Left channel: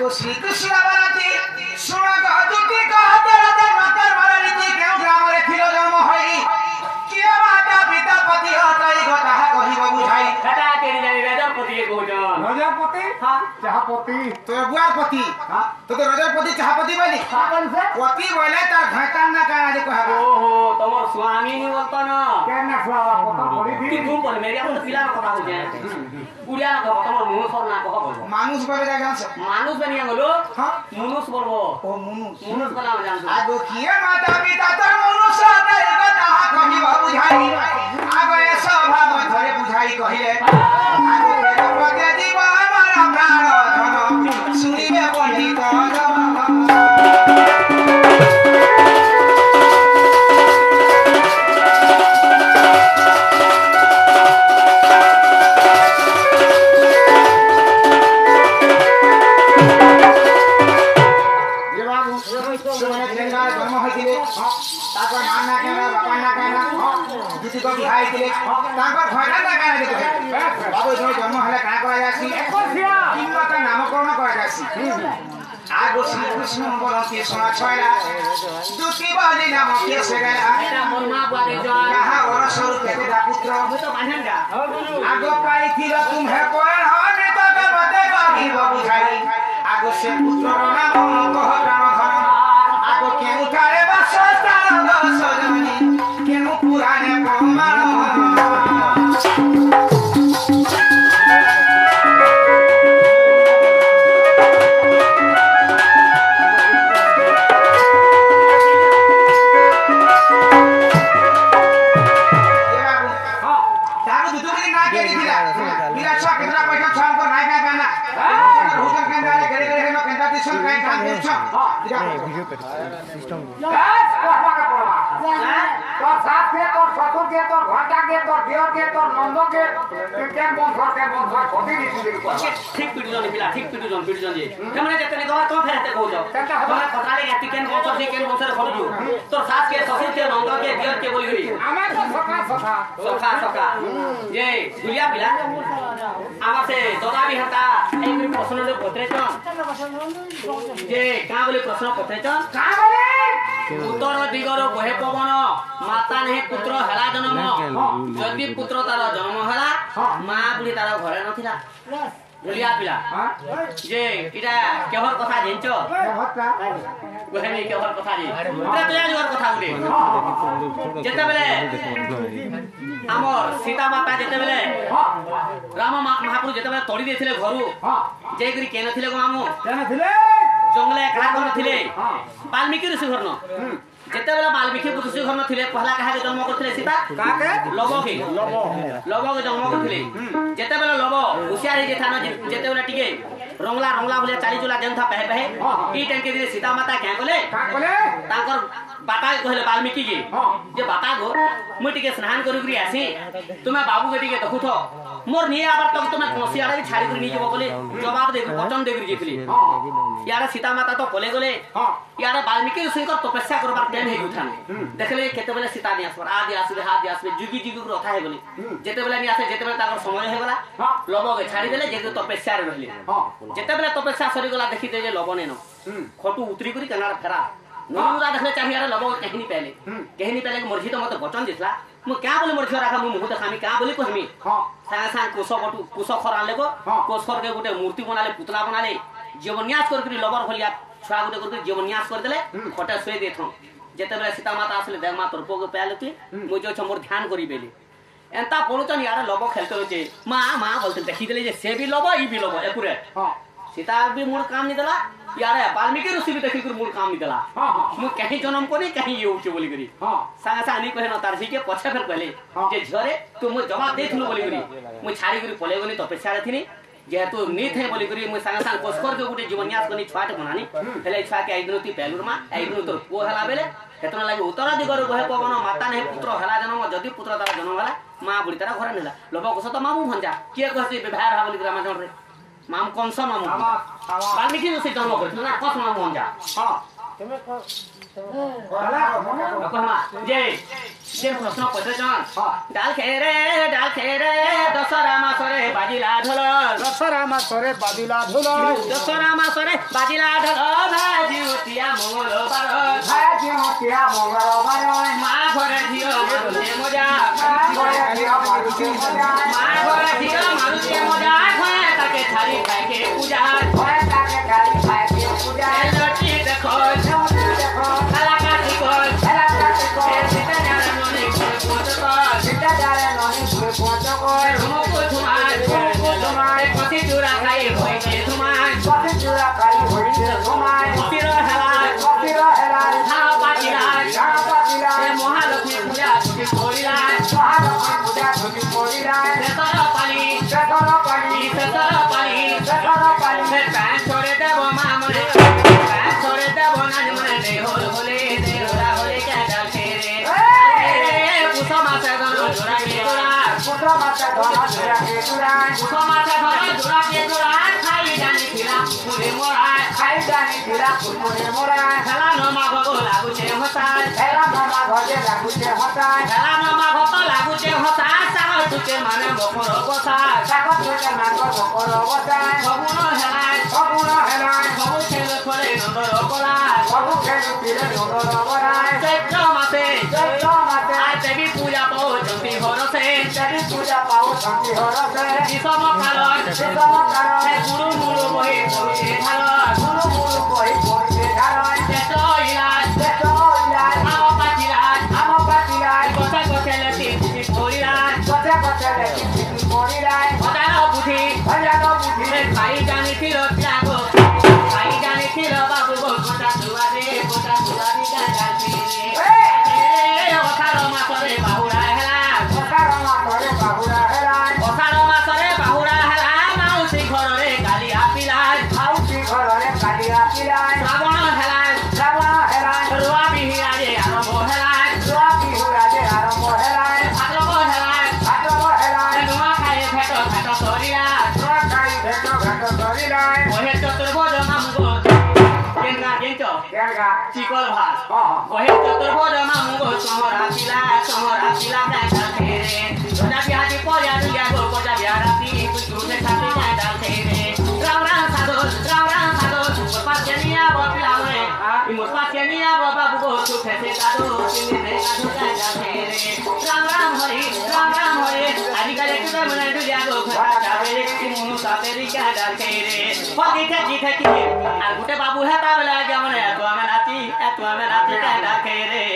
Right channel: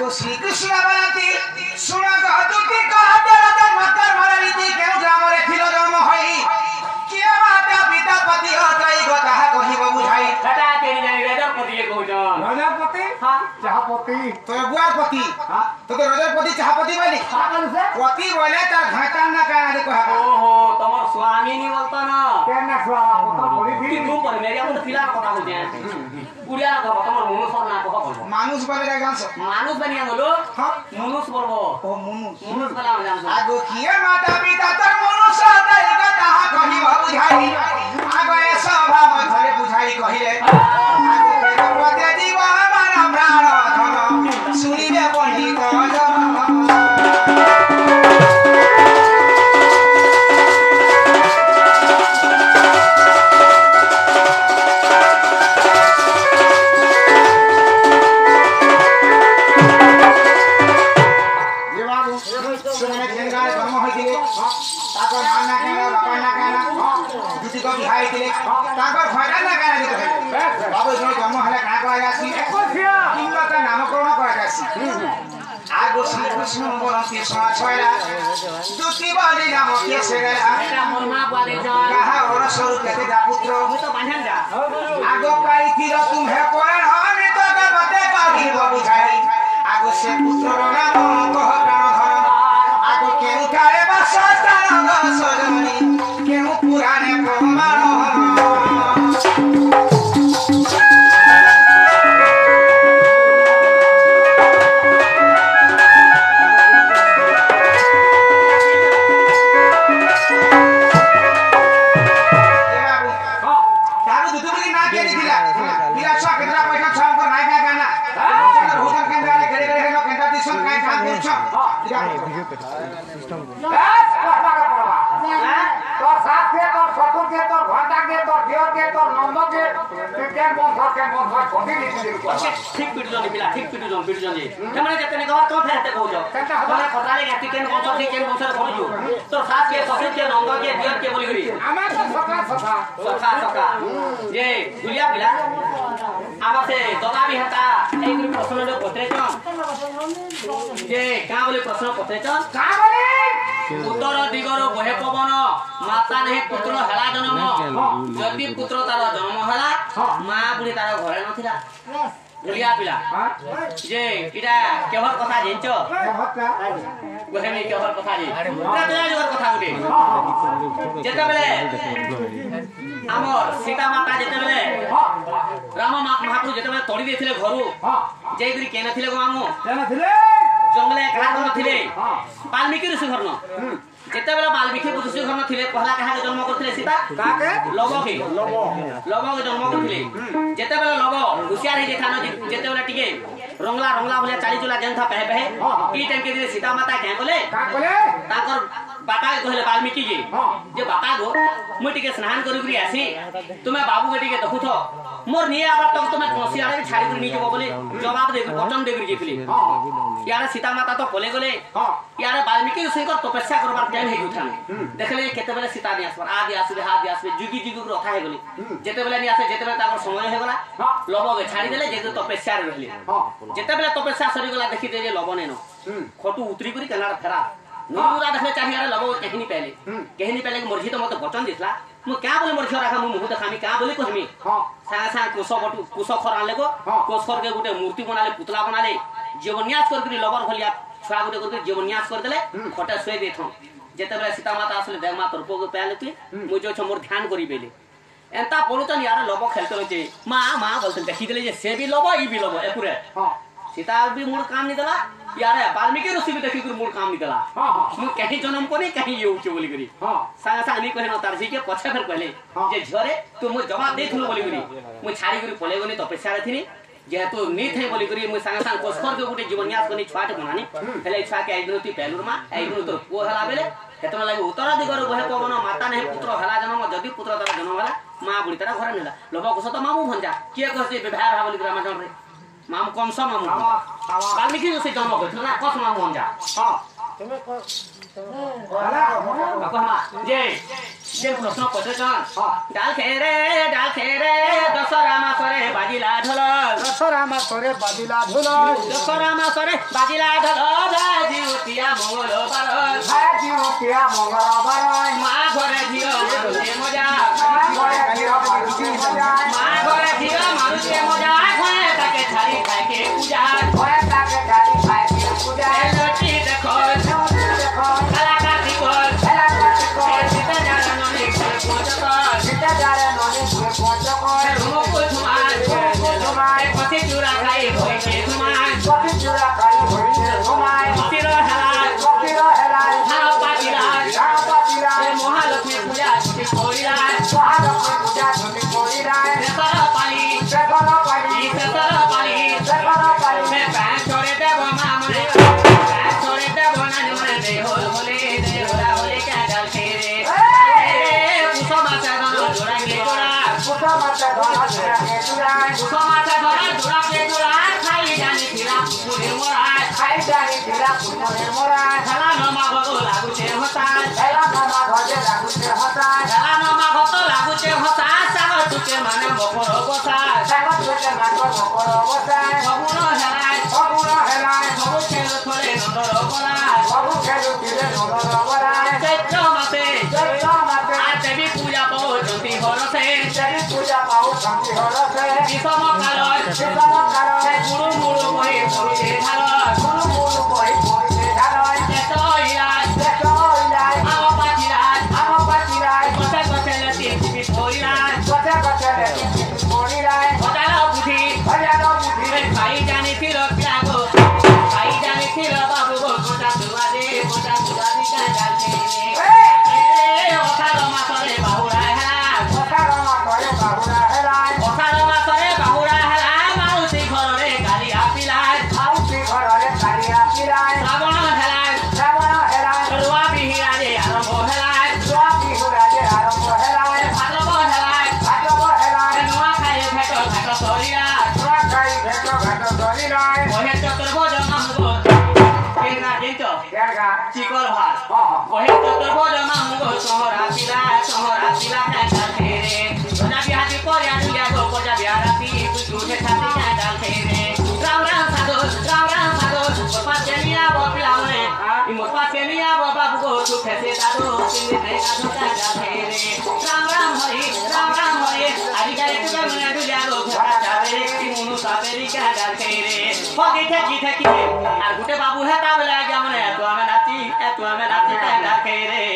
वो श्री कृष्ण बराती सुना कहती कहते रतन मकर मरनीति केउ ग्राम रे थिलो जन्म होई किया माता पिता पति हतई गोताहा कहिब बुझाई कटा केरी जानी रजरपति कहजन रजरपति हां चाहपति तो बुआर पति हां तो रजरपति चाहपति बोली पति बोले तार घाटन ना काना दे कहा ओहो तमर स्वामी नहीं बोलता ना केना स्वामी पता पड़ी कि तुम पर मेरे अपन पिला कथा हो जाए उड़िया का तमर मुनुस ना कह बोल मानुस बोले का गांस मानुस बनिया बोलो हां मुनुस बोलबो ओ मुनुस मुनुस बोला जान आगो किया माता पिता तर मुनुस हतई गोताहा कहिब बुझाई आगो ए स्वभाव धरे बुझाई कहिले आगो तेरे पते जीव हमारा प्राण धन सुनिबे पंडित जन जन्म होइतिले ताकर मान ना केना बापा ना केना दुती को बिहाई तिले ताकर घोड़ा ना केना देखै बाबू जो जन्म हला का करा जासी कोसिया किंबा का नामकरण करा जासी आगो श्री कृष्ण बरंती सोना छयला दुती बाली नाम के सेगला एटा मरमा बारे जन कहा और स्वरूप केते दा पुत्र मैं तो बांधन का आगो काई थिरो तुम्हे कोन हानि तो का बते बागी बुझाई आगो से पुत्र नाम कह प्राण धन आगो के उठाए बासस्तान सजनी के पुराने प्रमाण सन काय काम करछ तो साथ के तो ससुर के तो घंटा के तो देव के तो नंद के केन बंसर छोटी नीति दे ठीक पिटु जन जे हमने जतने गवा तो फेरते कहू जाओ हमने खतरा ले गति केन बंसर कहू तो साथ के ससुर के नंद के देव के बोली गली आमा तो सका ये दुलिया पिला आमा से ददा भी हता एक प्रश्न ले पत्रे जे का बोले प्रश्न पत्रे का बोले उत्तर दिगर बहे पवन माता नहीं पुत्र हला जन्म जदि पुत्र तार जन्म हला मां बुढ़ी तार घरे नथिला बुलिया पिला जे इटा केहर कथा जेंचो गोहे में केहर कथा जे इटा तो यार कथा गुटे जेते बेले हमर सीता माता जेते बेले राम महापुर जेते बेले तोड़ी देथिले घरु जे गुरी केन थिले गो मामू केन थिले जंगले कहा कोन थिले वाल्मीकि ऋषि घर न जेते बेला वाल्मीकि ऋषि घर न थिले पहला कहा के जन्म करथिले सीता काके लव के जन्म करथिले जेते बेला लव होशियार हे जेठान जेते बेला टिके रंगला भले चाली चुला जन था पहे ई टाइम के सीता माता क्या बोले ताकर बापा कहले वाल्मीकि जी जे बापा गो मु टिके स्नान करी करी आसी तुमे बाबू के टिके देखु थो मोर नहीं आबार तक तुमे कोसी आड़े भी छाड़ी करी नहीं जबो बोले जवाब दे वचन दे करी जेथली यार सीता माता तो कोले गोले यार वाल्मीकि ऋषि को तपस्या करबार टाइम हे उठान देखले केते बेले सीता नि आसबर आदि आसबे हादि आसबे जुगी जुगी को रखा हे गोले जेते बेले नि आसे जेते बेले ताकर समय हे गला लबो के छाड़ी देले जेते तपस्या रे रहले जेते बेले तपस्या सरी गला देखि दे जे लबो नेनो खटू उतरी करी कनाडा फेरा नोरुरा देखले चाहिए यार लबो कहनी पहले मर्जी तो मत वचन दिसला मु क्या बोले मर्जी राखा मु मुह देखामी क्या बोले को हमी सांग कुश खर आनले को कोसर के गुटे मूर्ति बनाले पुतला बनाले जीवन्यास करके लबर भलिया छुआ गुटे करके जीवन्यास कर देले खटे सोई देथो जेते बेले सीता माता आसले देख मा तोर को पैलती मु जो छ मोर ध्यान करी बेले एंता पड़ुतन यार लबो खेलते रहे माँ बोलते देखी देले जे से भी लबो ई भी लबो एपुरे सीता भी मूल काम नहीं दला यार वाल्मीकि ऋषि भी देखी मूल काम नहीं दला मु कहीं जन्म को नहीं कहीं ये उच्च बोली करी सांगा सांग नहीं कहे न तार के पछे फेर कहले जे झरे तू मु जवाब देथलु बोली करी मु छाड़ी करी पले गनी तपस्या रे थिनी जेहेतु नी थे बोली करी मु सांगा सांग कोस्कर के गुटे जीवन्यास कोनी छुआटे बनानी हेले छुआ के आइग्रती पेलुर मा आइग्रु तोर पो हला बेले हेतन लागि उत्तर दिगर बहे पवन माता नहीं पुत्र हला जन्म जदि पुत्र तार जन्म हला मां बुढ़ी तार घरे नेला लोभ को सत मामू भंजा के कहसी विवाह रहा बोली रामायण रे मामू कौन सा मामू वाल्मीकि ऋषि जन्म करथिल ना कस मामू भंजा कहमा जे प्रश्न पचासन डाल खेरे दशहरा मासरे बाजिला ढोल दशहरा मासरे बाजिला ढोल दशहरा मासरे बाजिला ढोल भाजिउतिया मंगलबार भाजिउतिया मंगलबार मा घरे धियो मारुते मजा मा घरे धियो मारुते मजा खोए ताके छाड़ी खाके पूजा लटी देखो काला काटी कोल सीता जारे ननी कोल रोम को धुमान कथि चूरा खाई होई के धुमान सिरो हलाल खाओ पाटिलाल महालक्ष्मी पूजा छुटी कोरिलाल सेतर पाली से पैन छोड़े देव मामने पैन छोड़े देव नानी मने दे होले क्या डाल फेरे कुसमा से दोनों जोड़ा के जोड़ा खाई जानी फिरा पूरे मोरा खेला नमा घो लागू छे हसाल खेला नमा घो तो लागू छे हसाल सागर तुके माने बकर बसाल सगुण हेलाय सबु खेल खोले नंदर बलाय चैत्र मासे आज देवी पूजा पहुंचती हरसे किसम कालर गुरु मुरु मोहि पहुंचे ढालर जेठ इलाज आव पाचिलाज गछे गछे लेती टिपि पड़िलाज हजार बुद्धि खाई जानी थिर पिलागो खाई जानी थिर बाबू गो गोटा सुवादे कांडालते अठार मासरे बाहुरा हेला अठार मासरे बाहुरा हेला माउसी घररे गाली आपिला श्रावण हेला रुआ बिहिराजे आरंभ हेला भाद्रव हेला नुआ खाए भेट सरिया बहे चतुर्भुज मामुगो केंगा गेंचो चिकल भात बहे चतुर्भुज मामुगो सहरा पिला कांडा फेरे रोजा बिहाती पर्या दुलिया गो पर्या बिहाराती बुझुठे छाती कांडा फेरे राम साधो मोर पाछे मिया बपिला मने इ मोर पाछे मिया बाबू गो छुटे से दादो तिले ने कांडा फेरे राम हरि आदि काले तुगर मने दुलिया गो घरा चावेरे कि मुनु सातेरी कांडा फेरे फगी ठेकी आर गुटे बाबू हेता बेला गया मने तो हमें नाची कांडा फेरे